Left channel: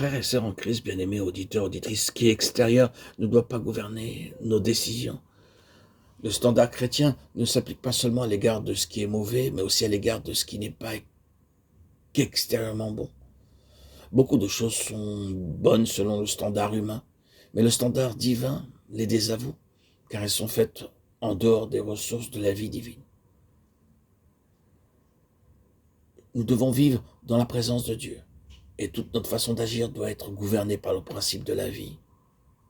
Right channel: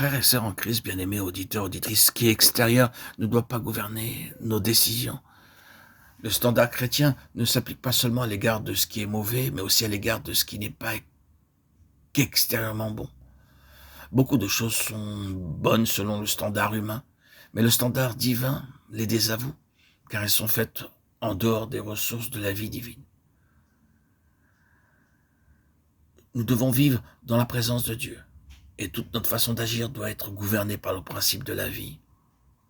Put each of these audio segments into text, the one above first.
Frères et sœurs en Christ, bien-aimés auditeurs, auditrices, ce qui est extérieur ne doit pas gouverner nos décisions. Le standard chrétien ne s'applique pas seulement à l'égard de ce qui est mauvais, mais aussi à l'égard de ce qui n'est pas qu'extérieurement bon. Beaucoup de choses sont bonnes selon le standard humain, mais le standard divin les désavoue, car elles sont faites en dehors des ressources de la vie divine. Nous devons vivre dans la présence de Dieu, et toute notre façon d'agir doit être gouvernée par le principe de la vie,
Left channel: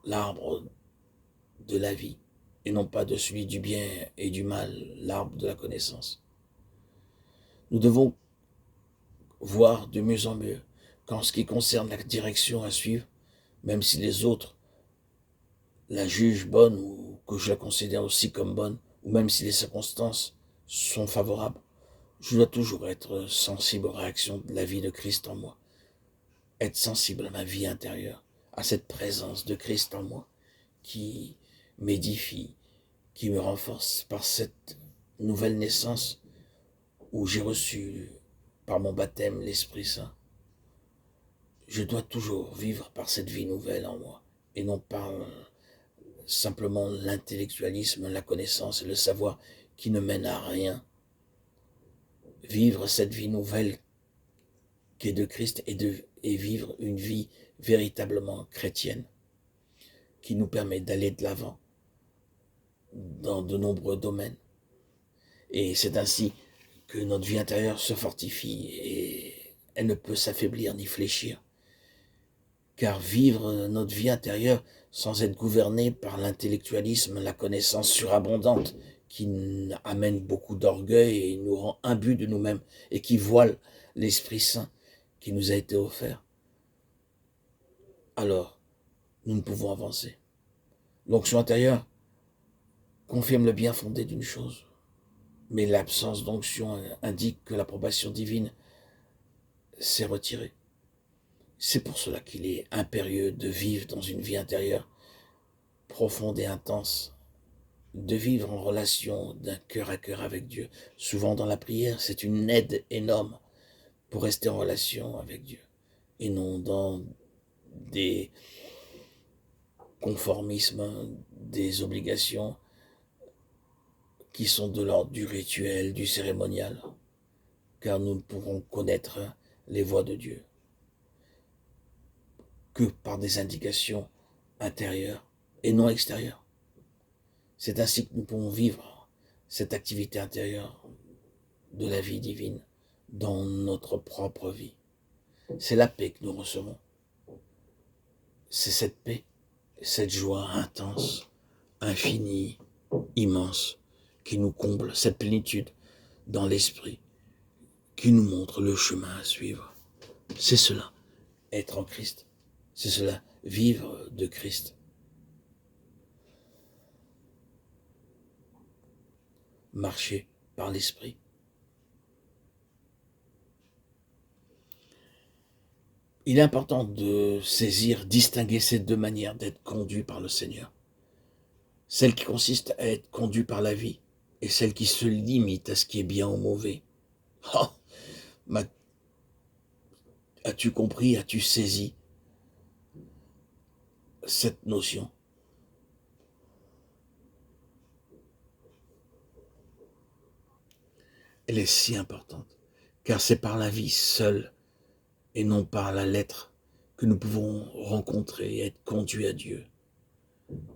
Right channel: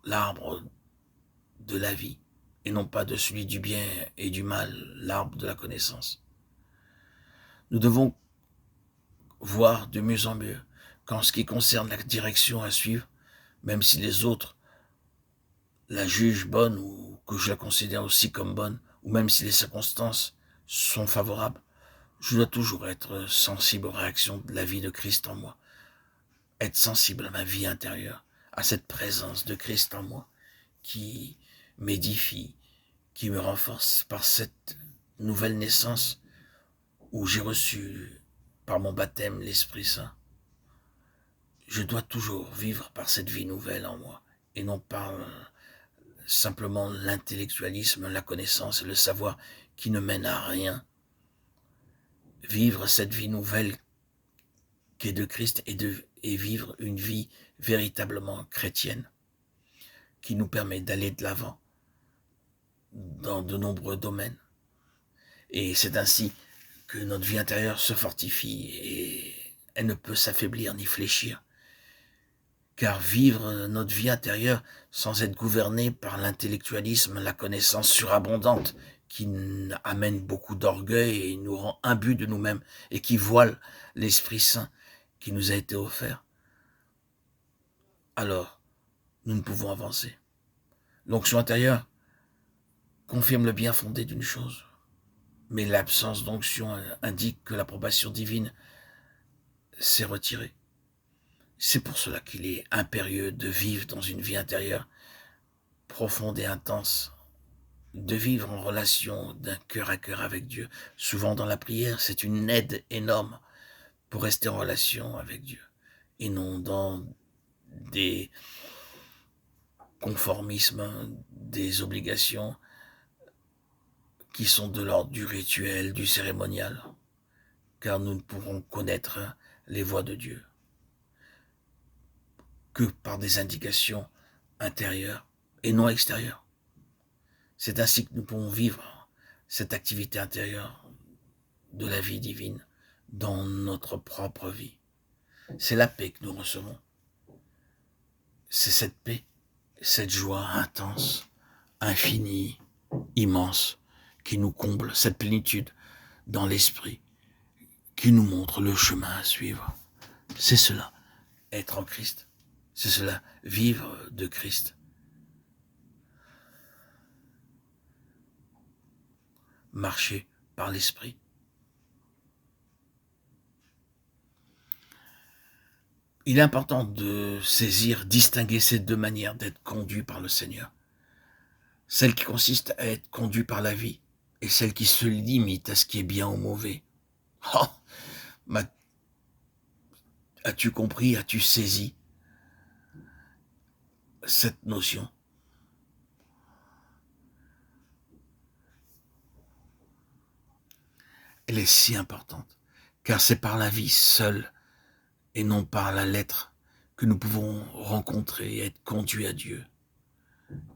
l'arbre de la vie, et non pas de celui du bien et du mal, l'arbre de la connaissance. Nous devons voir de mieux en mieux qu'en ce qui concerne la direction à suivre, même si les autres la jugent bonne ou que je la considère aussi comme bonne, ou même si les circonstances sont favorables, je dois toujours être sensible aux réactions de la vie de Christ en moi, être sensible à ma vie intérieure, à cette présence de Christ en moi qui m'édifie, qui me renforce par cette nouvelle naissance où j'ai reçu par mon baptême l'Esprit Saint. Je dois toujours vivre par cette vie nouvelle en moi et non par simplement l'intellectualisme, la connaissance et le savoir qui ne mènent à rien. Vivre cette vie nouvelle qui est de Christ et vivre une vie véritablement chrétienne qui nous permet d'aller de l'avant dans de nombreux domaines. Et c'est ainsi que notre vie intérieure se fortifie et elle ne peut s'affaiblir ni fléchir. Car vivre notre vie intérieure sans être gouverné par l'intellectualisme, la connaissance surabondante qui amène beaucoup d'orgueil et nous rend imbus de nous-mêmes et qui voile l'Esprit Saint qui nous a été offert, alors nous ne pouvons avancer. L'onction intérieure confirme le bien fondé d'une chose, mais l'absence d'onction indique que l'approbation divine s'est retirée. C'est pour cela qu'il est impérieux de vivre dans une vie intérieure profonde et intense, de vivre en relation d'un cœur à cœur avec Dieu. Souvent dans la prière, c'est une aide énorme pour rester en relation avec Dieu, et non dans des conformismes, des obligations qui sont de l'ordre du rituel, du cérémonial, car nous ne pourrons connaître les voies de Dieu que par des indications intérieures et non extérieures. C'est ainsi que nous pouvons vivre cette activité intérieure de la vie divine dans notre propre vie. C'est la paix que nous recevons. C'est cette paix, cette joie intense, infinie, immense, qui nous comble, cette plénitude dans l'esprit, qui nous montre le chemin à suivre. C'est cela, être en Christ. C'est cela, vivre de Christ. Marcher par l'esprit. Il est important de saisir, distinguer ces deux manières d'être conduit par le Seigneur. Celle qui consiste à être conduit par la vie et celle qui se limite à ce qui est bien ou mauvais. Oh, as-tu compris, as-tu saisi cette notion? Elle est si importante, car c'est par la vie seule et non par la lettre que nous pouvons rencontrer et être conduits à Dieu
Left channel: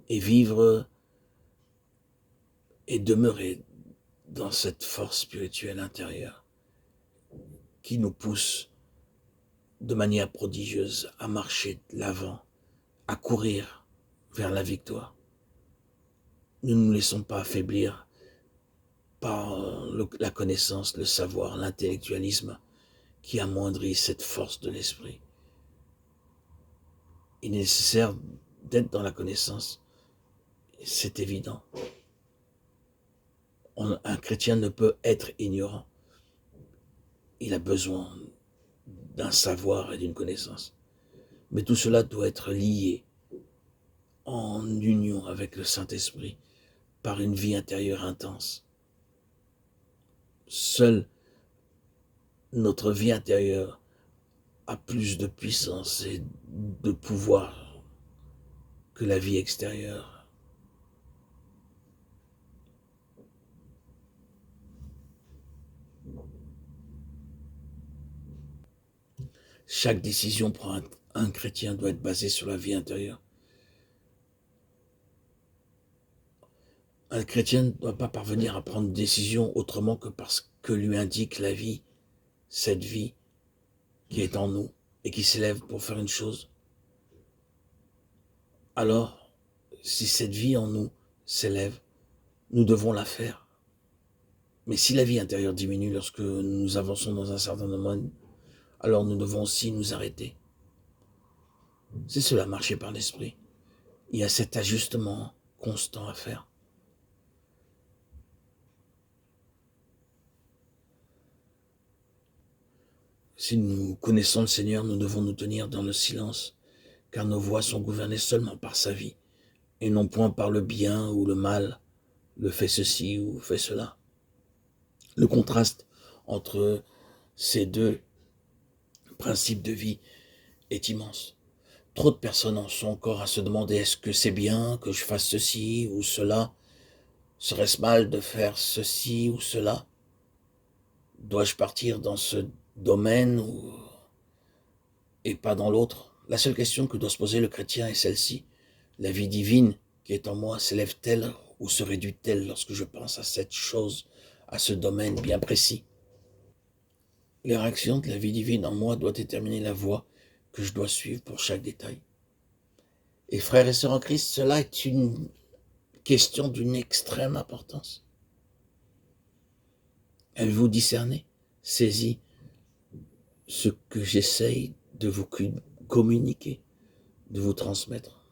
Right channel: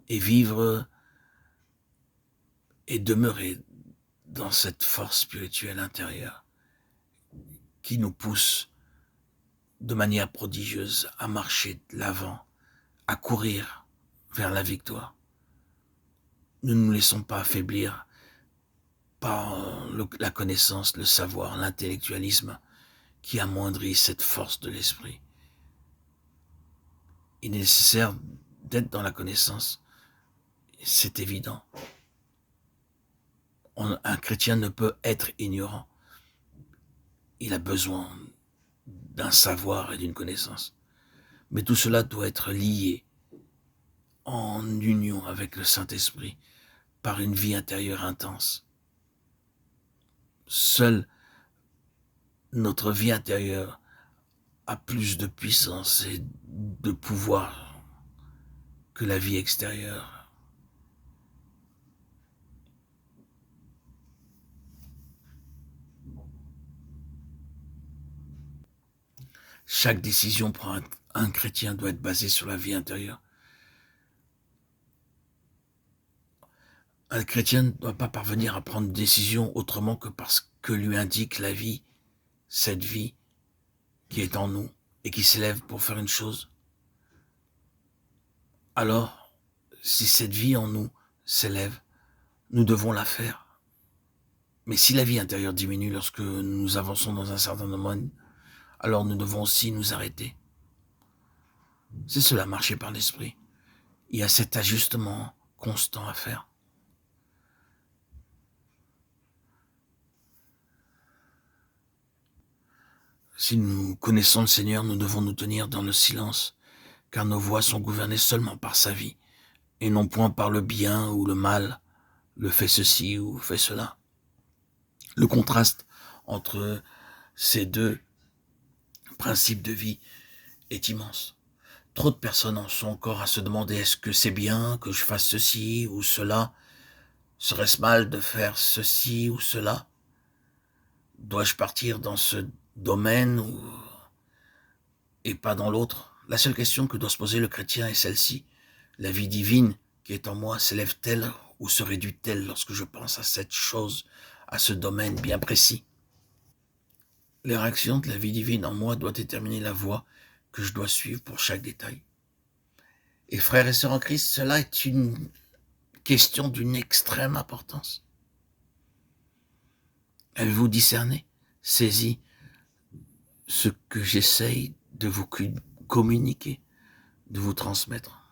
et vivre et demeurer dans cette force spirituelle intérieure qui nous pousse de manière prodigieuse à marcher de l'avant, à courir vers la victoire. Ne nous laissons pas affaiblir par la connaissance, le savoir, l'intellectualisme qui amoindrit cette force de l'esprit. Il est nécessaire d'être dans la connaissance, c'est évident. Un chrétien ne peut être ignorant. Il a besoin d'un savoir et d'une connaissance. Mais tout cela doit être lié en union avec le Saint-Esprit par une vie intérieure intense. Seule notre vie intérieure a plus de puissance et de pouvoir que la vie extérieure. Chaque décision pour un chrétien doit être basée sur la vie intérieure. Un chrétien ne doit pas parvenir à prendre une décision autrement que parce que lui indique la vie, cette vie qui est en nous et qui s'élève pour faire une chose. Alors, si cette vie en nous s'élève, nous devons la faire. Mais si la vie intérieure diminue lorsque nous avançons dans un certain domaine, alors nous devons aussi nous arrêter. C'est cela, marcher par l'esprit. Il y a cet ajustement constant à faire. Si nous connaissons le Seigneur, nous devons nous tenir dans le silence, car nos voix sont gouvernées seulement par sa vie, et non point par le bien ou le mal, le fait ceci ou fait cela. Le contraste entre ces deux principes de vie est immense. Trop de personnes en sont encore à se demander est-ce que c'est bien que je fasse ceci ou cela? Serait-ce mal de faire ceci ou cela? Dois-je partir dans ce domaine et pas dans l'autre? La seule question que doit se poser le chrétien est celle-ci. La vie divine qui est en moi s'élève-t-elle ou se réduit-elle lorsque je pense à cette chose, à ce domaine bien précis? Les réactions de la vie divine en moi doivent déterminer la voie que je dois suivre pour chaque détail. Et frères et sœurs en Christ, cela est une question d'une extrême importance. Avez-vous discerné, saisi ce que j'essaye de vous communiquer, de vous transmettre?